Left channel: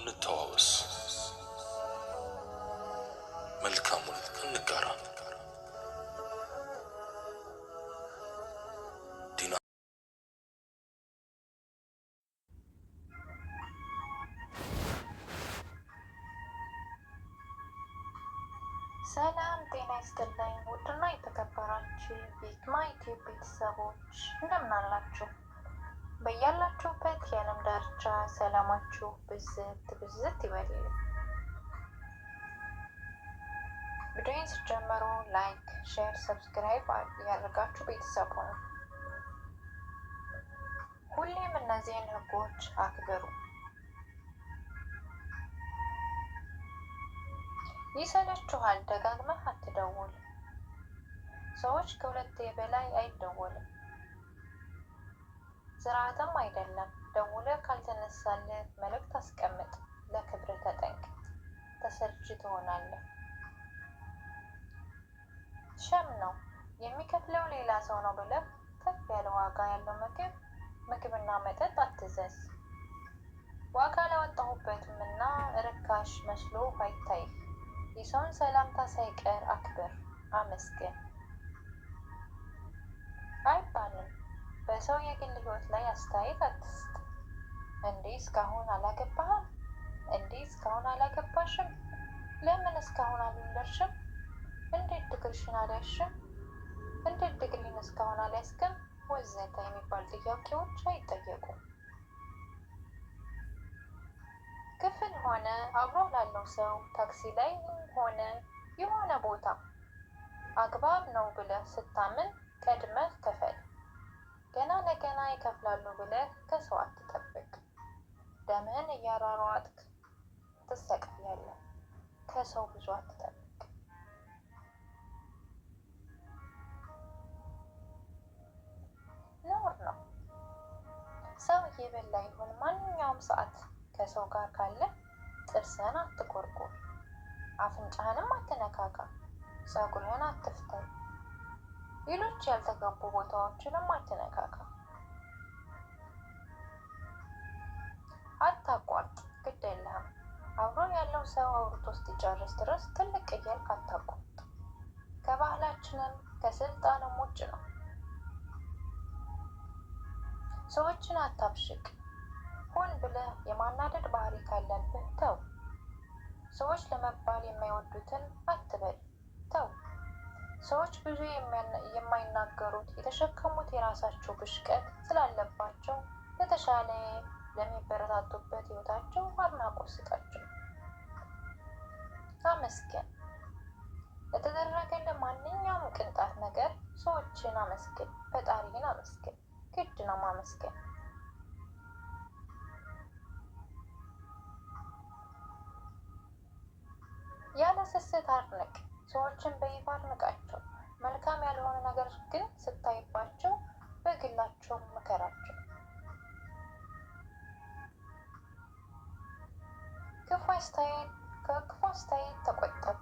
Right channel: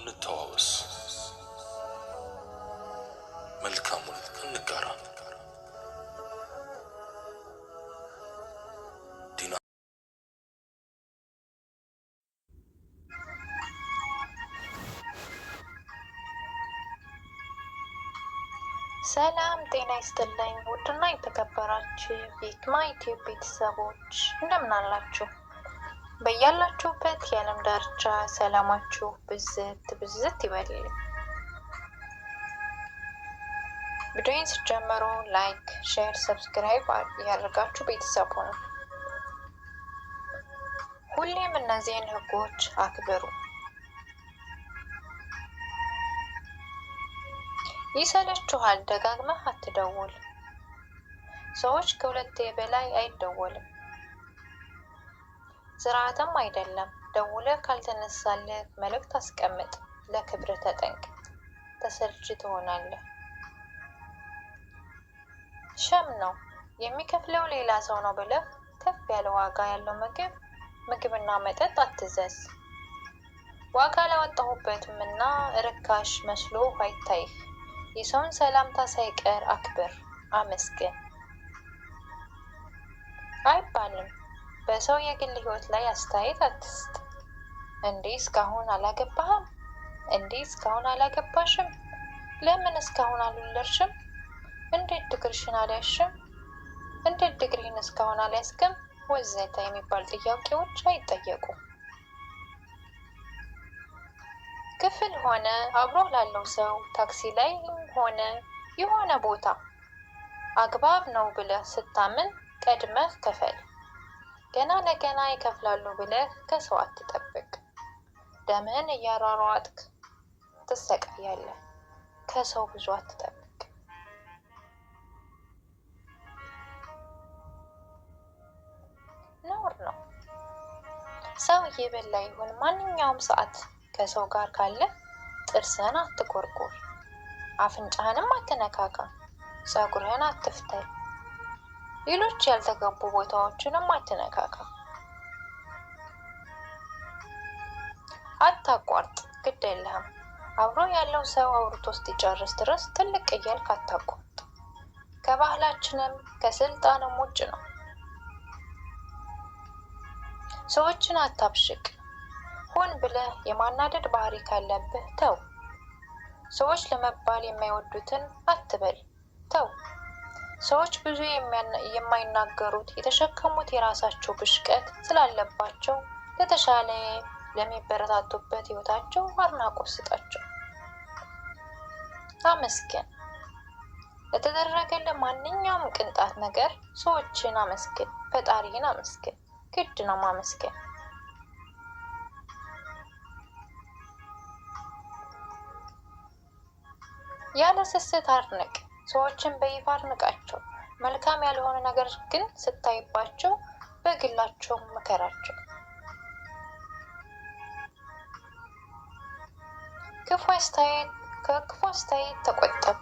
እንተዋወስ፣ መልካሙን እንጋራ። ዲና ሰላም ጤና ይስጥልኝ። ውድና የተከበራችሁ የሂክማ ዩቲዩብ ቤተሰቦች እንደምን አላችሁ? በያላችሁበት የዓለም ዳርቻ ሰላማችሁ ብዝት ይበልልኝ። ቪዲዮውን ስትጀምሩ ላይክ፣ ሼር፣ ሰብስክራይብ ያደርጋችሁ ቤተሰብ ሁኑ። ሁሌም እነዚህን ህጎች አክብሩ። ይሰለችኋል፣ ደጋግመህ አትደውል። ሰዎች ከሁለቴ በላይ አይደወልም። ስርዓትም አይደለም። ደውለህ ካልተነሳልህ መልእክት አስቀምጥ። ለክብር ተጠንቀቅ፣ ተሰልች ትሆናለህ። ሸም ነው የሚከፍለው ሌላ ሰው ነው ብለህ ከፍ ያለ ዋጋ ያለው ምግብና መጠጥ አትዘዝ። ዋጋ አላወጣሁበትም እና ርካሽ መስሎ አይታይህ። የሰውን ሰላምታ ሳይቀር አክብር፣ አመስግን አይባልም። በሰው የግል ህይወት ላይ አስተያየት አትስጥ። እንዴ እስካሁን አላገባህም? እንዴ እስካሁን አላገባሽም? ለምን እስካሁን አልወለድሽም? እንዴት ድግርሽን አልያዝሽም? እንዴት ድግሪህን እስካሁን አልያዝክም? ወዘተ የሚባል ጥያቄዎች አይጠየቁም። ክፍል ሆነ አብሮ ላለው ሰው ታክሲ ላይ ሆነ የሆነ ቦታ አግባብ ነው ብለህ ስታምን ቀድመህ ክፈል። ገና ለገና ይከፍላሉ ብለህ ከሰው አትጠብቅ። ደምህን እያሯሯጥክ ትሰቃያለህ። ከሰው ብዙ አትጠብቅ። ነውር ነው። ሰው እየበላ ይሁን ማንኛውም ሰዓት ከሰው ጋር ካለ ጥርስህን አትቆርቁር፣ አፍንጫህንም አትነካካ፣ ፀጉርህን አትፍተል፣ ሌሎች ያልተገቡ ቦታዎችንም አትነካካ። አታቋርጥ፣ ግድ የለህም። አብሮ ያለው ሰው አውርቶ እስኪጨርስ ድረስ ትልቅ እያልክ አታቋርጥ። ከባህላችንም ከስልጣንም ውጭ ነው። ሰዎችን አታብሽቅ። ሆን ብለህ የማናደድ ባህሪ ካለብህ ተው። ሰዎች ለመባል የማይወዱትን አትበል፣ ተው። ሰዎች ብዙ የማይናገሩት የተሸከሙት የራሳቸው ብሽቀት ስላለባቸው ለተሻለ ለሚበረታቱበት ህይወታቸው አድናቆት ስጣቸው። አመስግን። ለተደረገልህ ማንኛውም ቅንጣት ነገር ሰዎችን አመስግን፣ ፈጣሪን አመስግን። ግድ ነው ማመስገን። ያለ ስስት አድንቅ። ሰዎችን በይፋ አድንቃቸው። መልካም ያልሆነ ነገር ግን ስታይባቸው በግላቸው ምከራቸው። ከክፉ አስተያየት ተቆጠብ።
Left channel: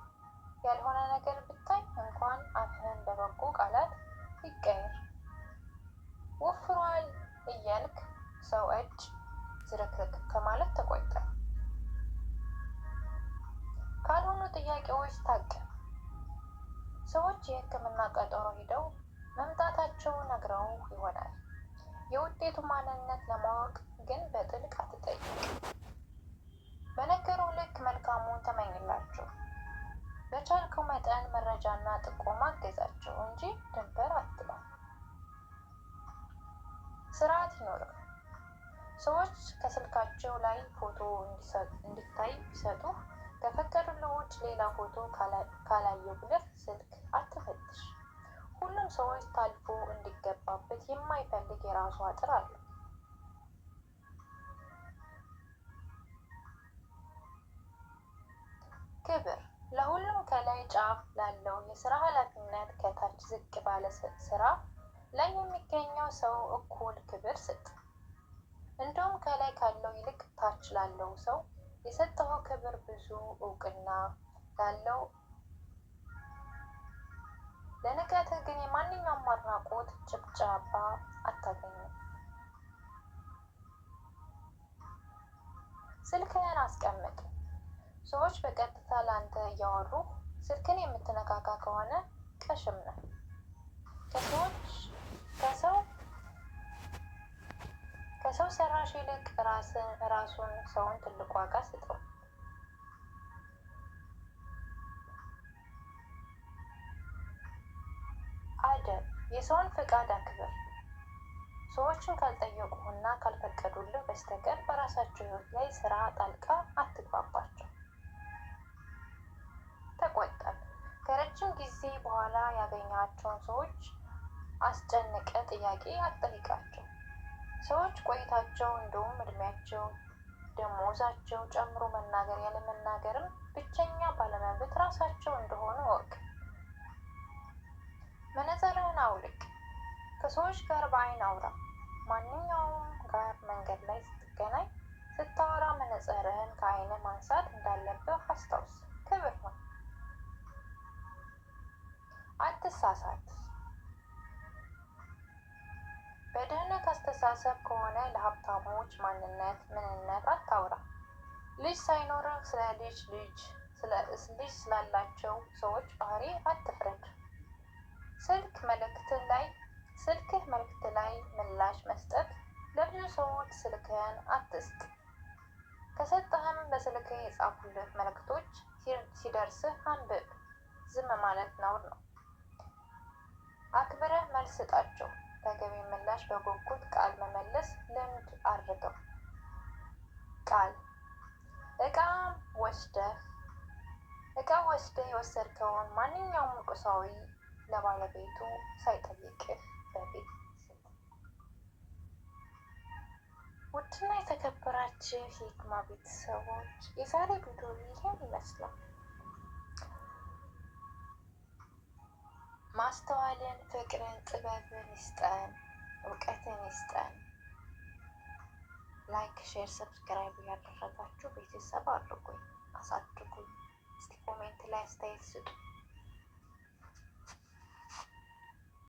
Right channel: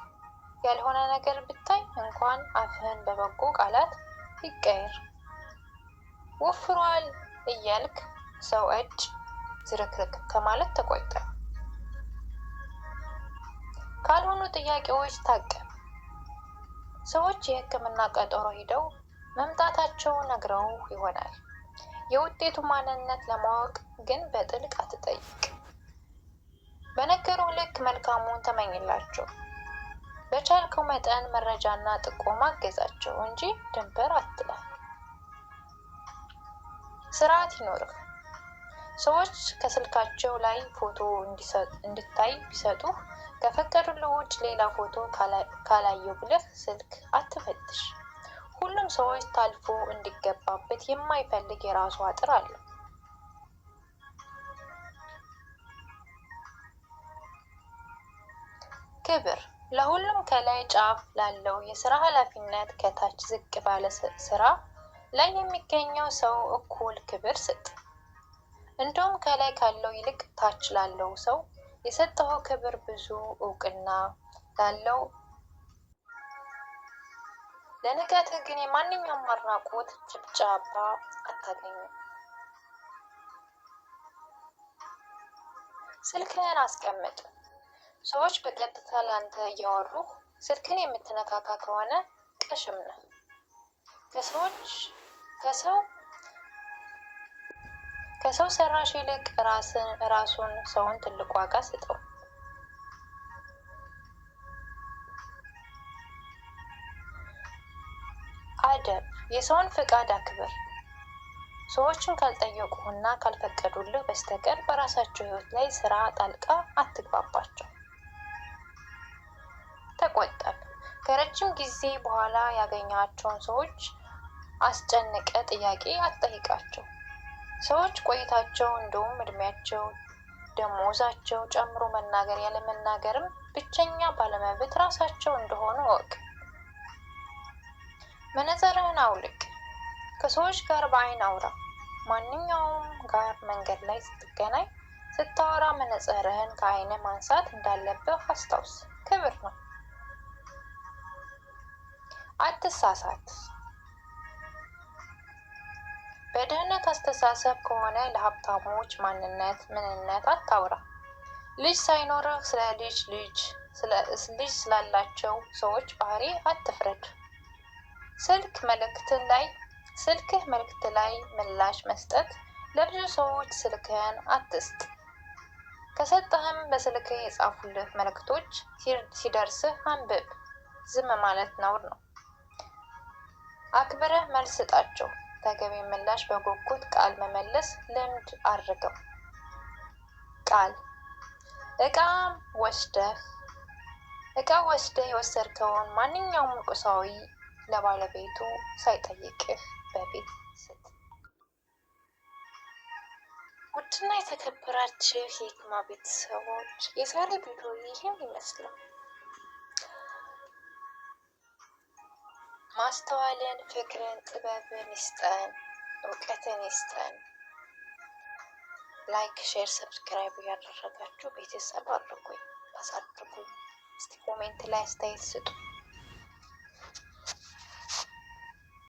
ያልሆነ ነገር ብታይ እንኳን አፍህን በበጎ ቃላት ይቀየር። ወፍሯል እያልክ ሰው እጅ ዝርክርክ ከማለት ተቆጠብ። ካልሆኑ ጥያቄዎች ታቀብ። ሰዎች የሕክምና ቀጠሮ ሂደው መምጣታቸው ነግረው ይሆናል። የውጤቱ ማንነት ለማወቅ ግን በጥልቅ አትጠይቅ። በነገሩ ልክ መልካሙን ተመኝላቸው። በቻልከው መጠን መረጃና ጥቆማ አገዛቸው እንጂ ድንበር አትለፍ። ስርዓት ይኖርህ። ሰዎች ከስልካቸው ላይ ፎቶ እንድታይ ቢሰጡህ ከፈቀዱልህ ውጭ ሌላ ፎቶ ካላየው ብለህ ስልክ አትፈትሽ። ሁሉም ሰዎች ታልፎ እንዲገባበት የማይፈልግ የራሱ አጥር አለው። ክብር ለሁሉም ከላይ ጫፍ ላለው የስራ ኃላፊነት ከታች ዝቅ ባለ ስራ ላይ የሚገኘው ሰው እኩል ክብር ስጥ። እንደውም ከላይ ካለው ይልቅ ታች ላለው ሰው የሰጠው ክብር ብዙ እውቅና ላለው ለንቀትህ ግን የማንኛውም አድናቆት ጭብጨባ አታገኝም። ስልክህን አስቀምጥ። ሰዎች በቀጥታ ላንተ እያወሩ ስልክን የምትነካካ ከሆነ ቀሽም ነህ። ከሰው ሰራሽ ይልቅ ራሱን ሰውን ትልቅ ዋጋ ስጠው። አደብ፣ የሰውን ፍቃድ አክብር። ሰዎችን ካልጠየቁህና ካልፈቀዱልህ በስተቀር በራሳቸው ሕይወት ላይ ስራ ጣልቃ አትግባባቸው። ተቆጠብ፣ ከረጅም ጊዜ በኋላ ያገኛቸውን ሰዎች አስጨንቀ ጥያቄ አትጠይቃቸው። ሰዎች ቆይታቸው እንዲሁም እድሜያቸው፣ ደሞዛቸው ጨምሮ መናገር ያለመናገርም ብቸኛ ባለመብት ራሳቸው እንደሆኑ እወቅ። መነጽርህን አውልቅ። ከሰዎች ጋር በአይን አውራ። ማንኛውም ጋር መንገድ ላይ ስትገናኝ ስታወራ መነጽርህን ከአይን ማንሳት እንዳለብህ አስታውስ። ክብር ነው። አትሳሳት። በድህነት አስተሳሰብ ከሆነ ለሀብታሞች ምንነት አታውራ። ልጅ ሳይኖርህ ስለ ልጅ ስላላቸው ሰዎች ባህሪ አትፍረድ። ስልክህ መልእክት ላይ ምላሽ መስጠት። ለብዙ ሰዎች ስልክህን አትስጥ። ከሰጠህም በስልክህ የጻፉልህ መልእክቶች ሲደርስህ አንብብ። ዝም ማለት ነውር ነው። አክብረህ መልስ ስጣቸው። ተገቢ ምላሽ በጉጉት ቃል መመለስ ልምድ አድርገው። ቃል እቃ ወስደህ የወሰድከውን ማንኛውም ቁሳዊ ለባለቤቱ ሳይጠይቅህ በፊት ስጥ። ውድና የተከበራችሁ የሂክማ ቤተሰቦች የዛሬ ቪዲዮ ይህን ይመስላል። ማስተዋልን፣ ፍቅርን፣ ጥበብን ይስጠን፣ እውቀትን ይስጠን። ላይክ፣ ሼር፣ ሰብስክራይብ እያደረጋችሁ ቤተሰብ አድርጉኝ፣ አሳድጉኝ። እስቲ ኮሜንት ላይ አስተያየት ስጡ።